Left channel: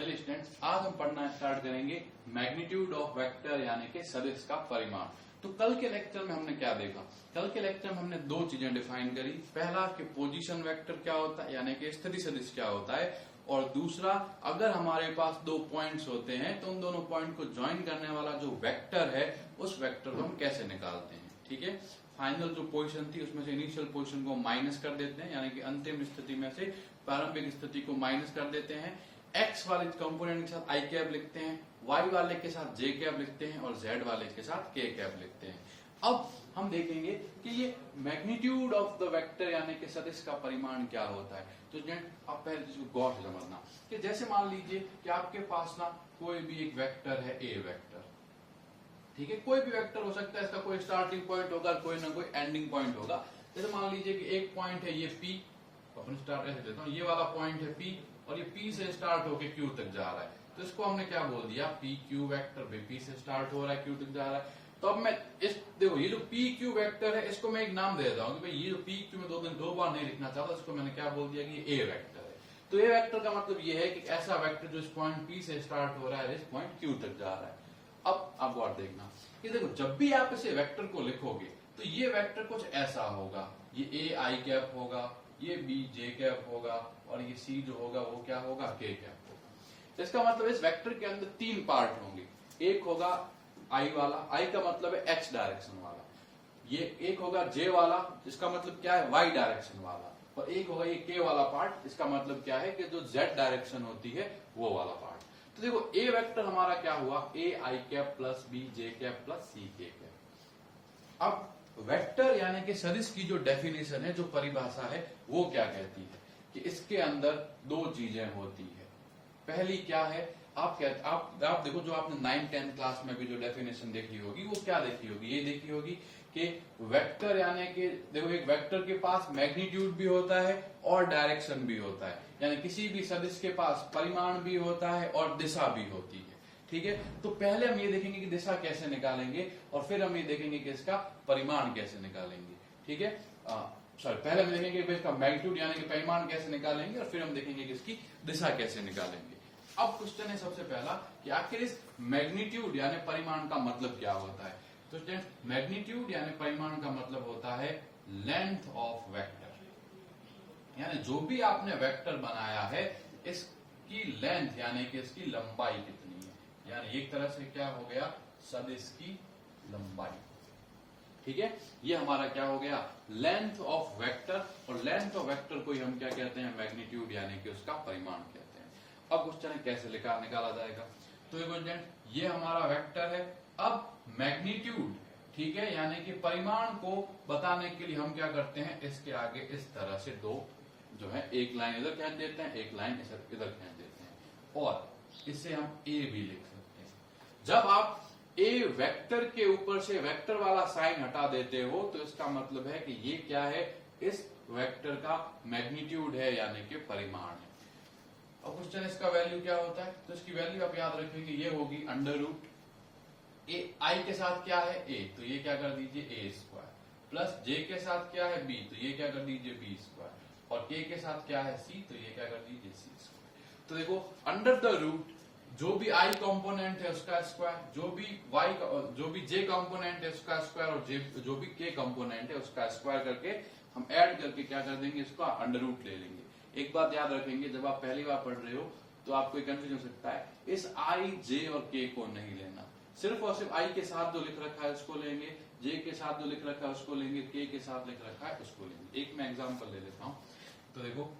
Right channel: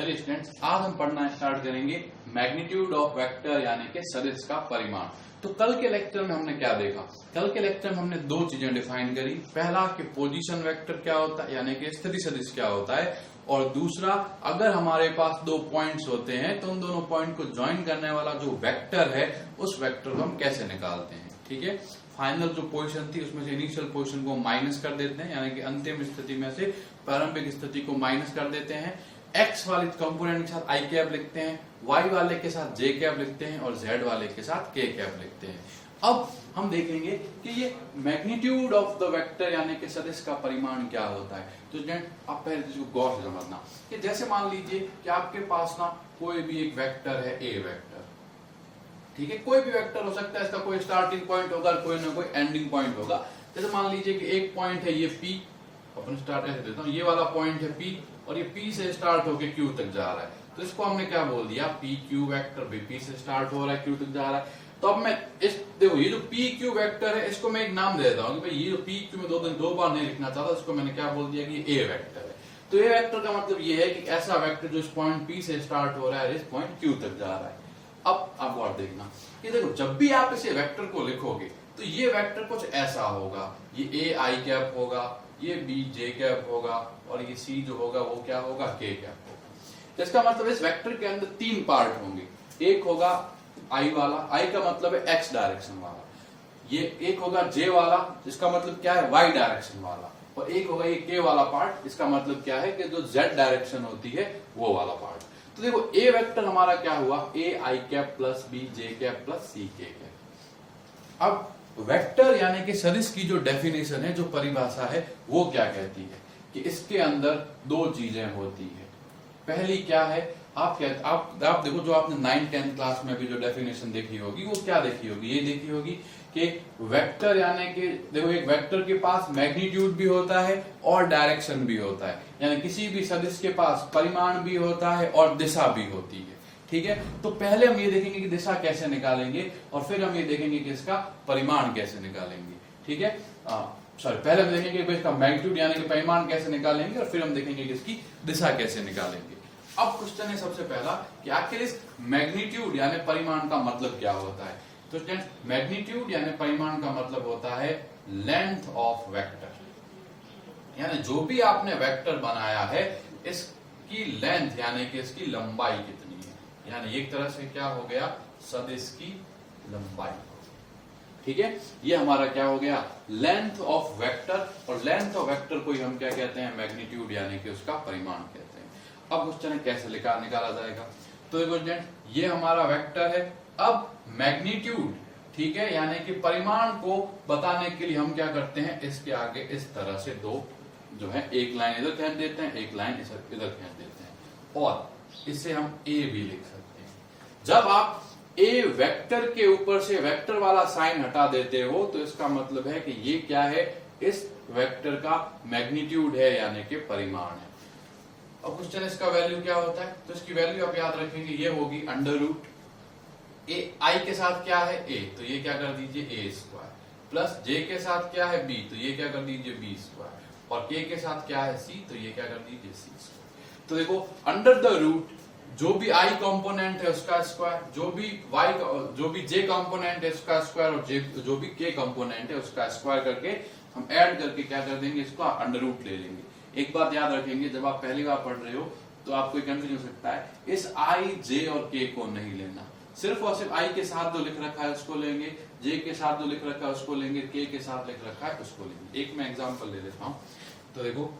चलिए स्टूडेंट्स, आज हम पढ़ना स्टार्ट करेंगे मैग्नीट्यूड ऑफ वेक्टर यानी कि सदिश का परिमाण। तो कल के लेक्चर में हमने क्या देखा? कल के लेक्चर में हमने दो चीजें डिफाइन करी। पहला कि पोजीशन वेक्टर क्या होता है यानी कि स्थिति सदिश क्या होता है, और दूसरा अगर हमारे पास दो पॉइंट्स होते हैं तो उन दोनों पॉइंट को ज्वाइन करने वाला जो वेक्टर है उस वेक्टर को हम कैसे निकालते हैं। ठीक है, फाइनल जो पोजीशन थी उसमें से इनिशियल पोजीशन को माइनस कर देते हैं, यानी कि अंतिम स्थिति में से प्रारंभिक स्थिति को माइनस कर देते हैं। एक्स वाले कंपोनेंट के साथ आई कैप लिखते हैं, वाई वाले के साथ जे कैप लिखते हैं और जेड वाले के साथ के कैप लिखते हैं। अब हम देखेंगे कि ये मैग्नीट्यूड ऑफ द वेक्टर यानी कि सदिश का परिमाण क्या होता है। तो आप पहले इसको गौर से समझना कि जैसे मान लीजिए कि आपके पास ना कोई भी एक वेक्टर है, ए वेक्टर। ठीक है, कोई भी वेक्टर हो सकता है, इसका कोई स्टार्टिंग पॉइंट होगा, कोई ना कोई एंडिंग पॉइंट होगा। जैसे मान लीजिए कि एक पॉइंट है ये पी, अपन स्टार्ट ऐसे देता हूं, ये वाला पॉइंट है पी और ये पी से स्टार्ट होके क्यू तक जा रहा है, तो इसको हमने क्या बोल दिया, पी क्यू वेक्टर। भी पी से स्टार्ट हो रहा है, क्यू तक जा रहा है। तो अब मैं इस देखो ये जो पी क्यू वेक्टर है इसको मैं एक नाम दे देता हूं कि भाई ये जो पी क्यू में दो बार नहीं लिखना चाहता, इसको मैंने क्या बोल दिया कि ए वेक्टर है। तो ए वेक्टर का मतलब ये है कि ऐसा वेक्टर जो इस पॉइंट पी से स्टार्ट हो रहा है, इस पॉइंट क्यू तक जा रहा है। अब आप और देखना कि देखो जब भी आप इसे वेक्टर को लिखोगे तो ये वेक्टर कुछ ऐसा होगा, ये ए आई कैप होगा, ये बी जे कैप होगा और ये सी जो होगा वो क्या होगा, के कैप होगा। तो इसका मतलब इस वेक्टर के अंदर तीन पार्ट होंगे। एक होगा आई वाला, आई का मतलब है एक्स डायरेक्शन वाला। ये एक होगा जे वाला, जिसका मतलब क्या है, वाई डायरेक्शन वाला। और एक होगा ये के वाला पार्ट, इसका मतलब क्या है कि जो जेड डायरेक्शन होती है वो वाला पार्ट। तो देखो ए वेक्टर हमारा क्या हुआ, A I cap plus B J cap plus C K cap. अब वेक्टर यानी कि सदिश की जो डेफिनेशन है, जो परिभाषा है, वो क्या कहती है कि इसके अंदर दो चीजें होती है। पहली क्या है, आप देखो जो आपने 9th-10th क्लास में भी जो डेफिनेशन देखी होगी वो क्या देखी होगी, ये देखी होगी कि वेक्टर यानी कि देखो एक वेक्टर के पास मैग्नीट्यूड भी होता है और डायरेक्शन भी होता है, यानी किसी भी सदिश के पास परिमाण भी होता है और दिशा भी होती है। ठीक है, तो पहले हम ये देखेंगे कि दिशा कैसे निकालेंगे और फिर हम ये देखेंगे कि इसका परिमाण कैसे निकालेंगे। ठीक है, पहले हम देखेंगे कि इसका मैग्नीट्यूड यानी कि परिमाण कैसे निकालेंगे और फिर हम देखेंगे कि इसकी दिशा कैसे निकालेंगे। अब क्वेश्चन है सबसे पहला कि आखिर इस मैग्नीट्यूड यानी परिमाण का मतलब क्या होता है। तो स्टूडेंट्स, मैग्नीट्यूड यानी परिमाण का मतलब होता है लेंथ ऑफ वेक्टर, यानी जो भी आपने वेक्टर बनाया है इसकी लेंथ यानी कि इसकी लंबाई कितनी है, यानी एक तरह से क्या हो गया, सदिश की लंबाई। ठीक है, ये हमारा क्या हो गया, लेंथ ऑफ वेक्टर। और लेंथ ऑफ वेक्टर को ही हम क्या कहते हैं, मैग्नीट्यूड यानी कि उसका परिमाण कहते हैं। अब क्वेश्चन है कैसे निकाला जाएगा। तो देखो ये हमारा वेक्टर है। अब मैग्नीट्यूड, ठीक है, यानी कि परिमाण को बताने के लिए हम क्या करते हैं, इसके आगे इस तरह से दो जो है, एक लाइन इधर खींच देते हैं, एक लाइन इधर खींच देते हैं और इससे हम ए भी लिख सकते हैं। जब आप ए वेक्टर के ऊपर से वेक्टर वाला साइन हटा देते हो तो इसका मतलब है कि ये क्या है, इस वेक्टर का मैग्नीट्यूड है यानी कि परिमाण है। अब क्वेश्चन इसका वैल्यू क्या होता है, तो इसकी वैल्यू आप याद रखेंगे, ये होगी अंडर रूट ए आई के साथ क्या है ए, तो ये क्या कर दीजिए ए स्क्वायर, प्लस जे के साथ क्या है बी, तो ये क्या कर दीजिए बी स्क्वायर, और के के साथ क्या है सी, तो ये क्या कर दीजिए सी स्क्वायर। तो देखो अंडर द रूट जो भी आई कंपोनेंट है उसका स्क्वायर, जो भी जे कंपोनेंट है उसका स्क्वायर और जो भी के कंपोनेंट है उसका स्क्वायर करके हम ऐड करके क्या कर देंगे, इसको अंडर रूट ले लेंगे। एक बात याद रखेंगे, जब आप पहली बार पढ़ रहे हो तो आपको कंफ्यूजन हो सकता है, इस आई जे और के को नहीं लेना, सिर्फ और सिर्फ आई के साथ जो लिख रखा है उसको लेंगे, जे के साथ जो लिख रखा है उसको लेंगे, के साथ लिख रखा है उसको लेंगे। एक मैं एग्जांपल ले लेता हूं। तो देखो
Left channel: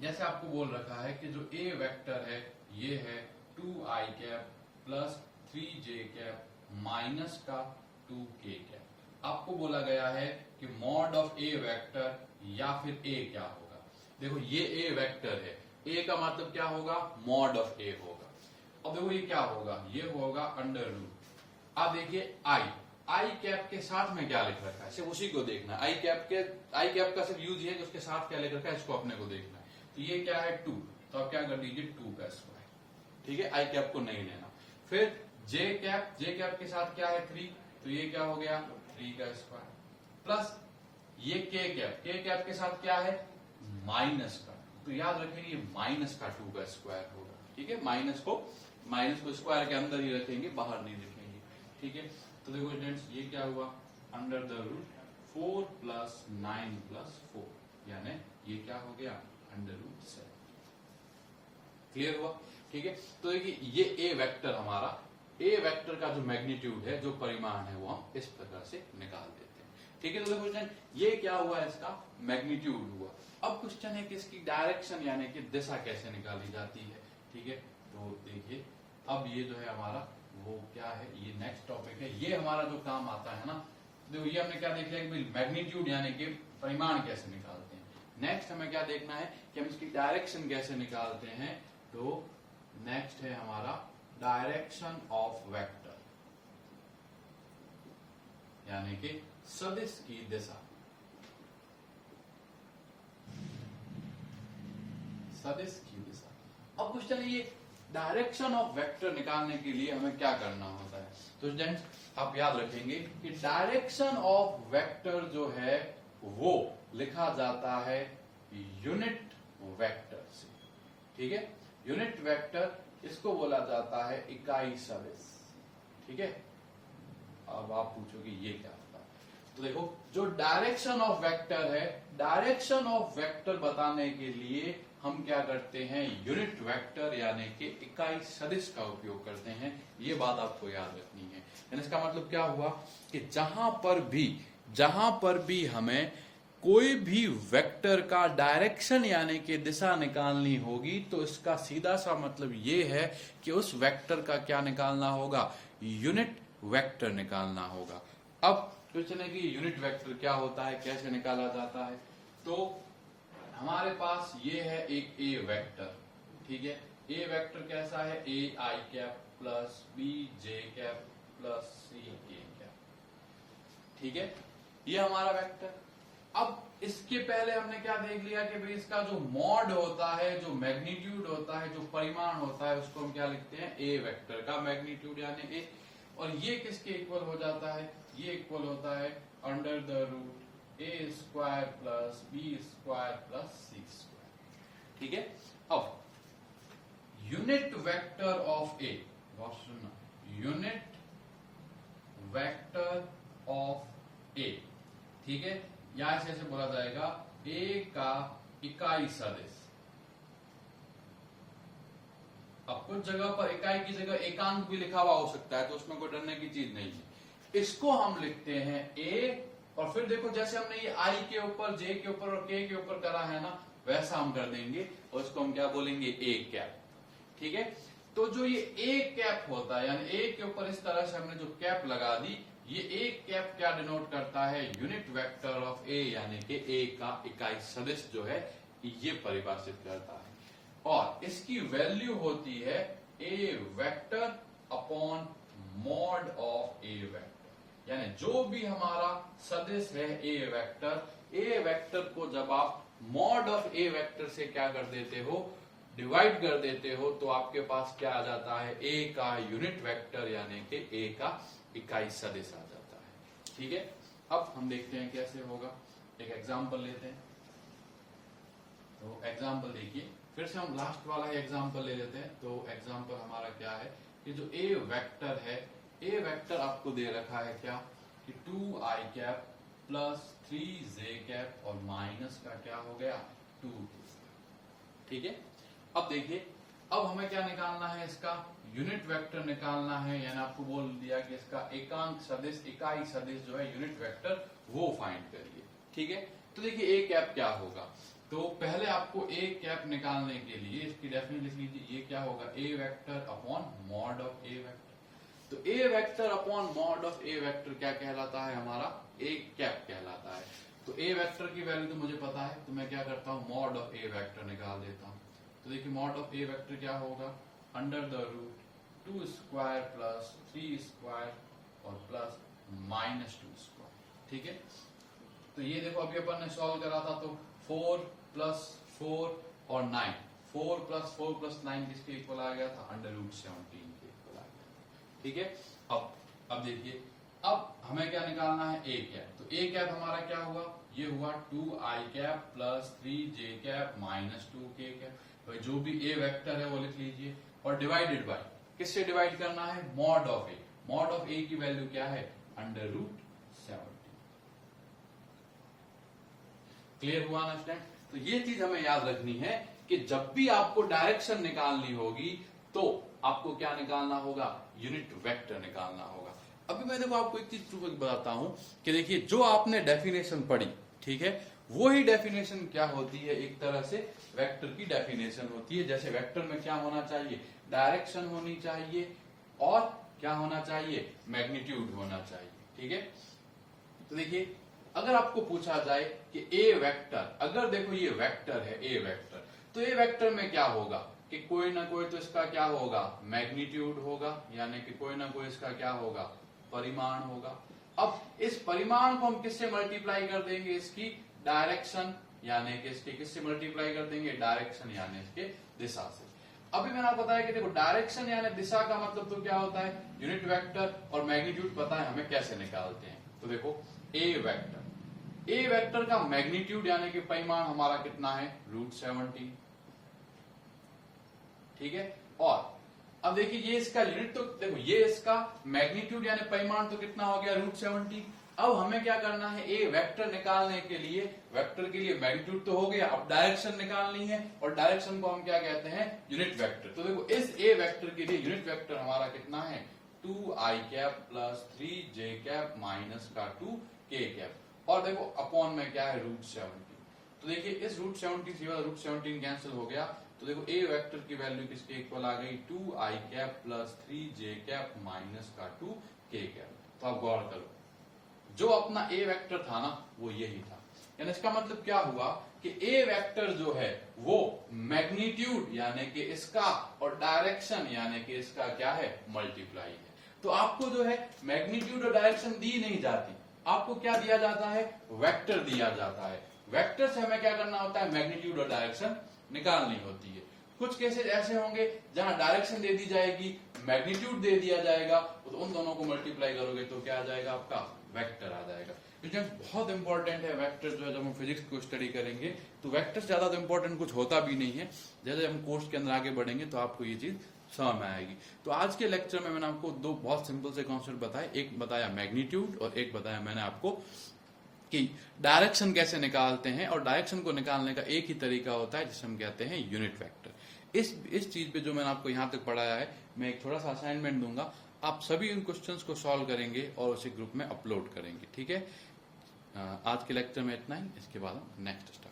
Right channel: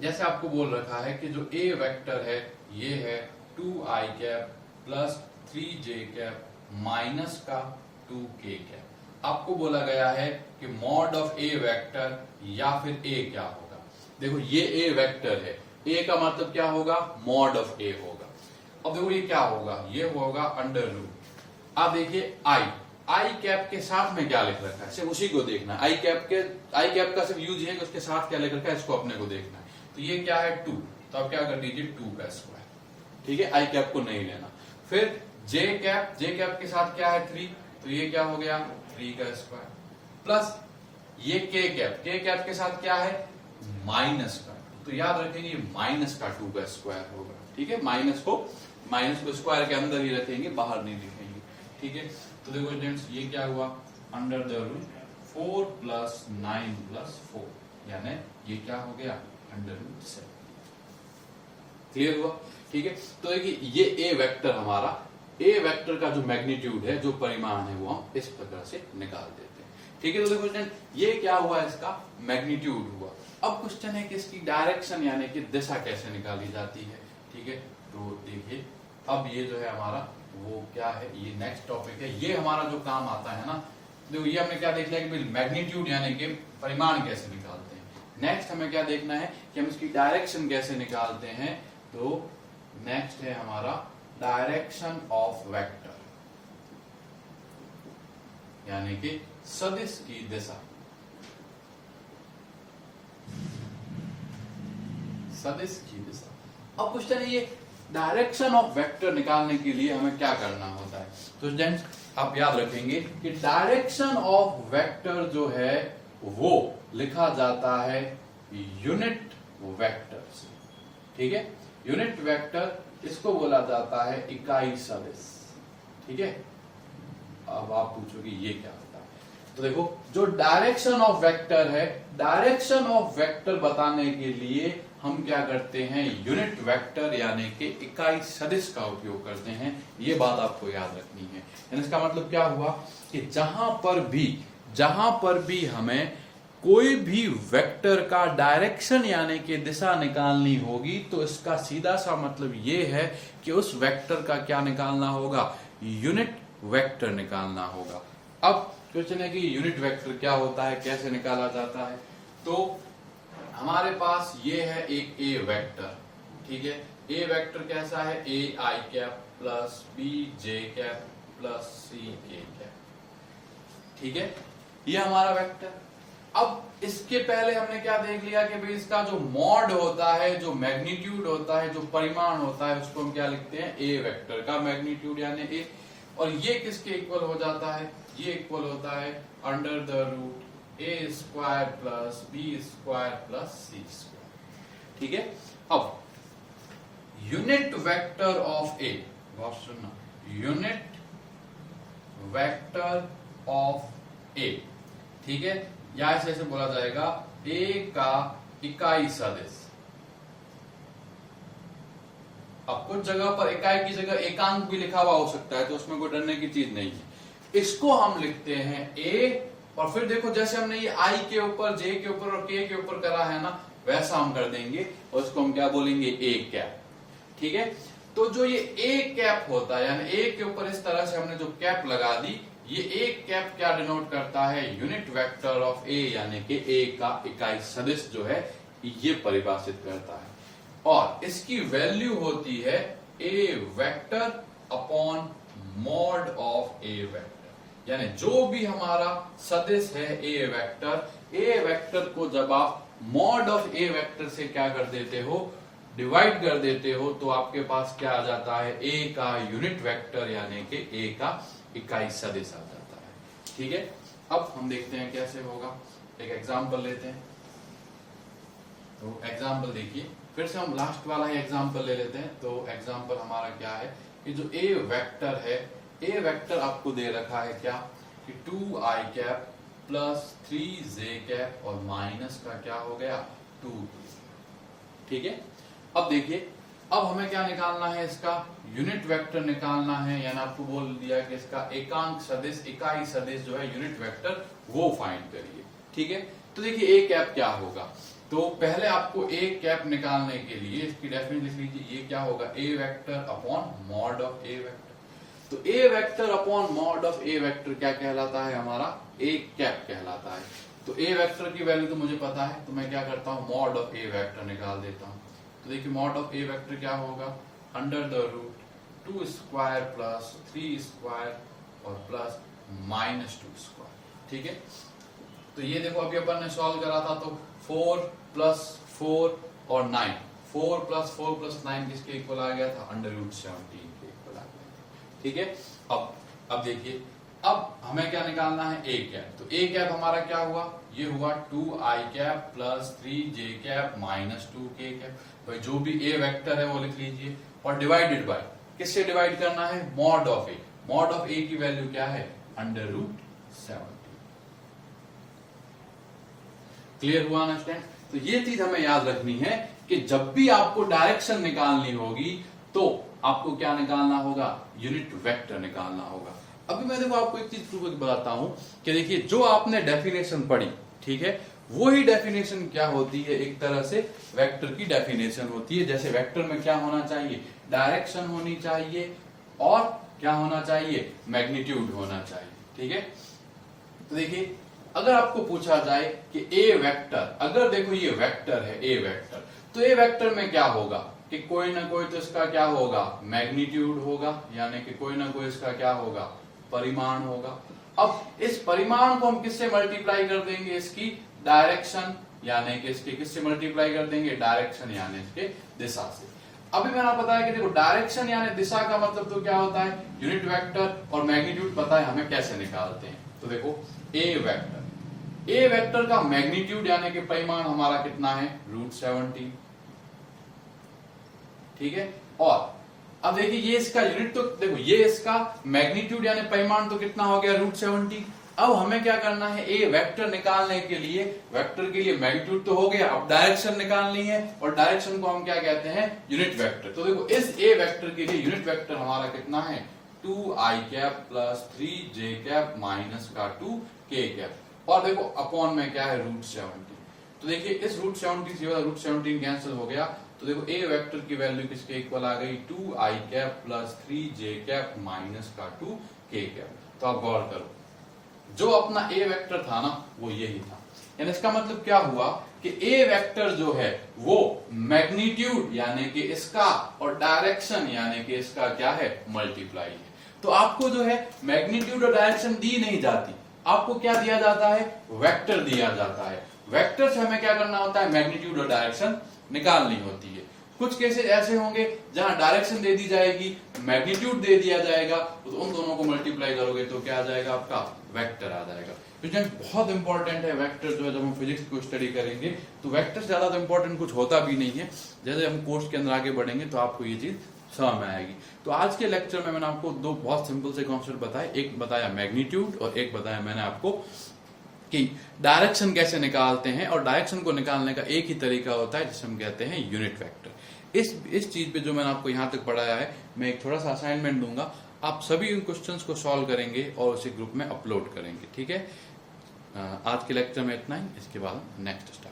जैसे आपको बोल रखा है कि जो ए वेक्टर है ये है 2i cap plus 3j cap minus का 2k कैप। आपको बोला गया है कि मॉड ऑफ ए वेक्टर या फिर ए क्या होगा। देखो ये ए वेक्टर है, ए का मतलब क्या होगा, मॉड ऑफ ए होगा। अब देखो ये क्या होगा, ये होगा अंडर रूट। अब देखिए आई कैप के साथ में क्या लिख रखा है, सिर्फ उसी को देखना है। आई कैप का सिर्फ यूज है कि उसके साथ क्या लिख रखा है, इसको अपने को देखना है। तो ये क्या है 2, तो आप क्या कर दीजिए 2 का स्क्वायर। ठीक है, आई कैप को नहीं लेना। फिर जे कैप के साथ क्या है 3, तो ये क्या हो गया 3 का स्क्वायर, प्लस ये के कैप के साथ क्या है माइनस का, तो तो याद रखेंगे माइनस का 2 का स्क्वायर होगा। ठीक है, माइनस को स्क्वायर के अंदर ही रखेंगे, बाहर नहीं लिखेंगे। ठीक है, तो देखो स्टूडेंट्स ये क्या हुआ, under the root 4 plus 9 plus 4, यानी ये क्या हो गया, अंडर रूट 7। क्लियर हुआ। ठीक है, तो देखिए ये ए वेक्टर हमारा, ए वेक्टर का जो मैग्नीट्यूड है, जो परिमाण है, वो हम इस प्रकार से निकाल देते हैं। ठीक है, तो देखो स्टूडेंट ये क्या हुआ, इसका मैग्नीट्यूड हुआ। अब क्वेश्चन है कि इसकी डायरेक्शन यानी कि दिशा कैसे निकाली जाती है। ठीक है, तो देखिए अब ये जो है हमारा वो क्या है, ये नेक्स्ट टॉपिक है, ये हमारा जो काम आता है ना, देखो ये हमने क्या देख लिया कि मैग्नीट्यूड यानी कि परिमाण कैसे निकालते हैं। नेक्स्ट हमें क्या देखना है कि हम इसकी डायरेक्शन कैसे निकालते हैं। तो नेक्स्ट है हमारा डायरेक्शन ऑफ वेक्टर, यानी कि सदिश की दिशा, सदिश की दिशा। अब क्वेश्चन है ये डायरेक्शन ऑफ वेक्टर निकालने के लिए हमें क्या करना होता है। तो स्टूडेंट्स आप याद रखेंगे कि डायरेक्शन ऑफ वेक्टर जो है वो लिखा जाता है यूनिट वेक्टर से। ठीक है, यूनिट वेक्टर इसको बोला जाता है इकाई सदिश। ठीक है, अब आप पूछोगे ये क्या होता है, तो देखो जो डायरेक्शन ऑफ वेक्टर है, डायरेक्शन ऑफ वेक्टर बताने के लिए हम क्या करते हैं, यूनिट वेक्टर यानी कि इकाई सदिश का उपयोग करते हैं। ये बात आपको याद रखनी है। यानी इसका मतलब क्या हुआ कि जहां पर भी हमें कोई भी वेक्टर का डायरेक्शन यानी कि दिशा निकालनी होगी, तो इसका सीधा सा मतलब ये है कि उस वेक्टर का क्या निकालना होगा, यूनिट वेक्टर निकालना होगा। अब क्वेश्चन है कि यूनिट वेक्टर क्या होता है, कैसे निकाला जाता है। तो हमारे पास ये है एक ए वेक्टर। ठीक है, ए वेक्टर कैसा है, A I cap plus B J cap plus C K cap. ठीक है, ये हमारा वेक्टर। अब इसके पहले हमने क्या देख लिया कि भाई इसका जो मॉड होता है, जो मैग्नीट्यूड होता है, जो परिमाण होता है, उसको हम क्या लिखते हैं, ए वेक्टर का मैग्नीट्यूड यानी ए। और ये किसके इक्वल हो जाता है, ये इक्वल होता है under the root A square plus B square plus C square. ठीक है, अब यूनिट वेक्टर ऑफ ए, बहुत सुनना, यूनिट वेक्टर ऑफ ए। ठीक है, या ऐसे बोला जाएगा ए का इकाई सदिश। अब कुछ जगह पर इकाई की जगह एकांक भी लिखा हुआ हो सकता है, तो उसमें कोई डरने की चीज नहीं है। इसको हम लिखते हैं ए, और फिर देखो जैसे हमने ये आई के ऊपर, जे के ऊपर और के ऊपर करा है ना, वैसा हम कर देंगे और इसको हम क्या बोलेंगे, ए कैप। ठीक है, तो जो ये ए कैप होता है, यानी ए के ऊपर इस तरह से हमने जो कैप लगा दी, ये ए कैप क्या डिनोट करता है, यूनिट वेक्टर ऑफ ए, यानी कि ए का इकाई सदिश जो है ये परिभाषित करता है। और इसकी वैल्यू होती है A vector upon mod of A vector. यानी जो भी हमारा सदिश है ए वेक्टर को जब आप मॉड ऑफ ए वेक्टर से क्या कर देते हो, डिवाइड कर देते हो, तो आपके पास क्या आ जाता है, ए का यूनिट वेक्टर यानी कि ए का इकाई सदिश आ जाता है। ठीक है, अब हम देखते हैं कैसे होगा, एक एग्जांपल लेते हैं। तो एग्जांपल देखिए, फिर से हम लास्ट वाला ही एग्जांपल ले लेते हैं। तो एग्जांपल हमारा क्या है कि जो ए वेक्टर है, ए वेक्टर आपको दे रखा है क्या कि 2i cap plus 3j cap और माइनस का क्या हो गया 2। ठीक है, अब देखिए, अब हमें क्या निकालना है, इसका यूनिट वेक्टर निकालना है। यानी आपको बोल दिया कि इसका एकांक सदिश, इकाई सदिश जो है यूनिट वेक्टर, वो फाइंड करिए। ठीक है, तो देखिए ए कैप क्या होगा। तो पहले आपको ए कैप निकालने के लिए इसकी डेफिनेशन लिख लीजिए, ये क्या होगा, A vector upon mod of A vector. तो A vector upon mod of A vector क्या कहलाता है, हमारा ए कैप कहलाता है। तो ए वेक्टर की वैल्यू तो मुझे पता है, तो मैं क्या करता हूं, मॉड ऑफ ए वेक्टर निकाल देता हूं। तो देखिए मॉड ऑफ ए वेक्टर क्या होगा, under the root 2 square plus 3 square और प्लस माइनस 2 स्क्वायर। ठीक है, तो ये देखो अभी अपन ने सॉल्व करा था, तो 4 प्लस 4 और 9, 4 प्लस 4 प्लस 9 किसके इक्वल आ गया था, अंडर रूट 17 के इक्वल आ गया था। ठीक है, अब देखिए अब हमें क्या निकालना है, ए कैप। तो ए कैप हमारा क्या हुआ, ये हुआ 2i cap plus 3j cap minus 2k cap. भाई जो भी ए वेक्टर है वो लिख लीजिए, और डिवाइडेड बाय, किससे डिवाइड करना है, mod of A. Mod of A की वैल्यू क्या है, √70। क्लियर हुआ ना स्टैंड। तो ये चीज हमें याद रखनी है कि जब भी आपको डायरेक्शन निकालनी होगी तो आपको क्या निकालना होगा, यूनिट वेक्टर निकालना होगा। अभी मैं देखो आपको एक चीज प्रूव बताता हूं कि देखिए जो आपने डेफिनेशन पढ़ी, ठीक है, वही डेफिनेशन क्या होती है, एक तरह से वेक्टर की डेफिनेशन होती है। जैसे वेक्टर में क्या होना चाहिए, डायरेक्शन होनी चाहिए और क्या होना चाहिए, मैग्नीट्यूड होना चाहिए, ठीक है। तो देखिए अगर आपको पूछा जाए कि ए वेक्टर, अगर देखो ये वेक्टर है ए वेक्टर, तो ए वेक्टर में क्या होगा कि कोई ना कोई तो इसका क्या होगा, मैग्नीट्यूड होगा, यानी कि कोई ना कोई इसका क्या होगा, परिमाण होगा। अब इस परिमाण को हम किससे मल्टीप्लाई कर देंगे, इसकी डायरेक्शन, यानी कि इसके किससे मल्टीप्लाई कर देंगे, डायरेक्शन यानी इसके दिशा से। अभी मैंने बताया कि देखो डायरेक्शन यानी दिशा का मतलब तो क्या होता है, यूनिट वेक्टर, और मैग्नीट्यूड पता है हमें कैसे निकालते हैं। तो देखो ए वेक्टर, ए वेक्टर का मैग्नीट्यूड यानी कि परिमाण हमारा कितना है, √70, ठीक है। और अब देखिए ये इसका यूनिट, तो देखो ये इसका मैग्नीट्यूड यानी परिमाण तो कितना हो गया, √70। अब हमें क्या करना है, ए वेक्टर निकालने के लिए, वेक्टर के लिए मैग्नीट्यूड तो हो गया, अब डायरेक्शन निकालनी है, और डायरेक्शन को हम क्या कहते हैं, यूनिट वेक्टर। तो देखो इस ए वेक्टर के लिए यूनिट वेक्टर हमारा कितना है, 2i cap plus 3j cap minus का 2k कैप, और देखो अपॉन में क्या है, √70। तो देखिए इस √70 से √17 कैंसिल हो गया, तो देखो ए वेक्टर की वैल्यू किसके इक्वल आ गई, 2i cap plus 3j cap minus का 2k कैप। तो आप गौर करो, जो अपना ए वेक्टर था ना वो यही था, यानी इसका मतलब क्या हुआ कि ए वेक्टर जो है वो मैग्नीट्यूड यानी कि इसका और डायरेक्शन यानी कि इसका क्या है, मल्टीप्लाई है। तो आपको जो है मैग्नीट्यूड और डायरेक्शन दी नहीं जाती, आपको क्या दिया जाता है, वेक्टर दिया जाता है। वेक्टर से हमें क्या करना होता है, मैग्नीट्यूड और डायरेक्शन निकालनी होती है। कुछ केसेस ऐसे होंगे जहां डायरेक्शन दे दी जाएगी, मैग्नीट्यूड दे दिया जाएगा, तो उन दोनों को मल्टीप्लाई करोगे तो क्या आ जाएगा, आपका वेक्टर आ जाएगा। बहुत इंपॉर्टेंट है वेक्टर जो है, जब हम फिजिक्स को स्टडी करेंगे तो वेक्टर से ज्यादा तो इंपॉर्टेंट कुछ होता भी नहीं है। जैसे हम कोर्स के अंदर आगे बढ़ेंगे तो आपको ये चीज समझ में आएगी। तो आज के लेक्चर में मैंने आपको दो बहुत सिंपल से कॉन्सेप्ट बताए, एक बताया मैग्नीट्यूड और एक बताया मैंने आपको कि डायरेक्शन कैसे निकालते हैं, और डायरेक्शन को निकालने का एक ही तरीका होता है जिसे हम कहते हैं यूनिट वेक्टर। इस चीज पे जो मैंने आपको यहाँ तक पढ़ाया है, मैं एक थोड़ा सा असाइनमेंट दूंगा, आप सभी इन क्वेश्चंस को सॉल्व करेंगे और उसे ग्रुप में अपलोड करेंगे, ठीक है। आज के लेक्चर में इतना ही, इसके बाद हम नेक्स्ट स्टार्ट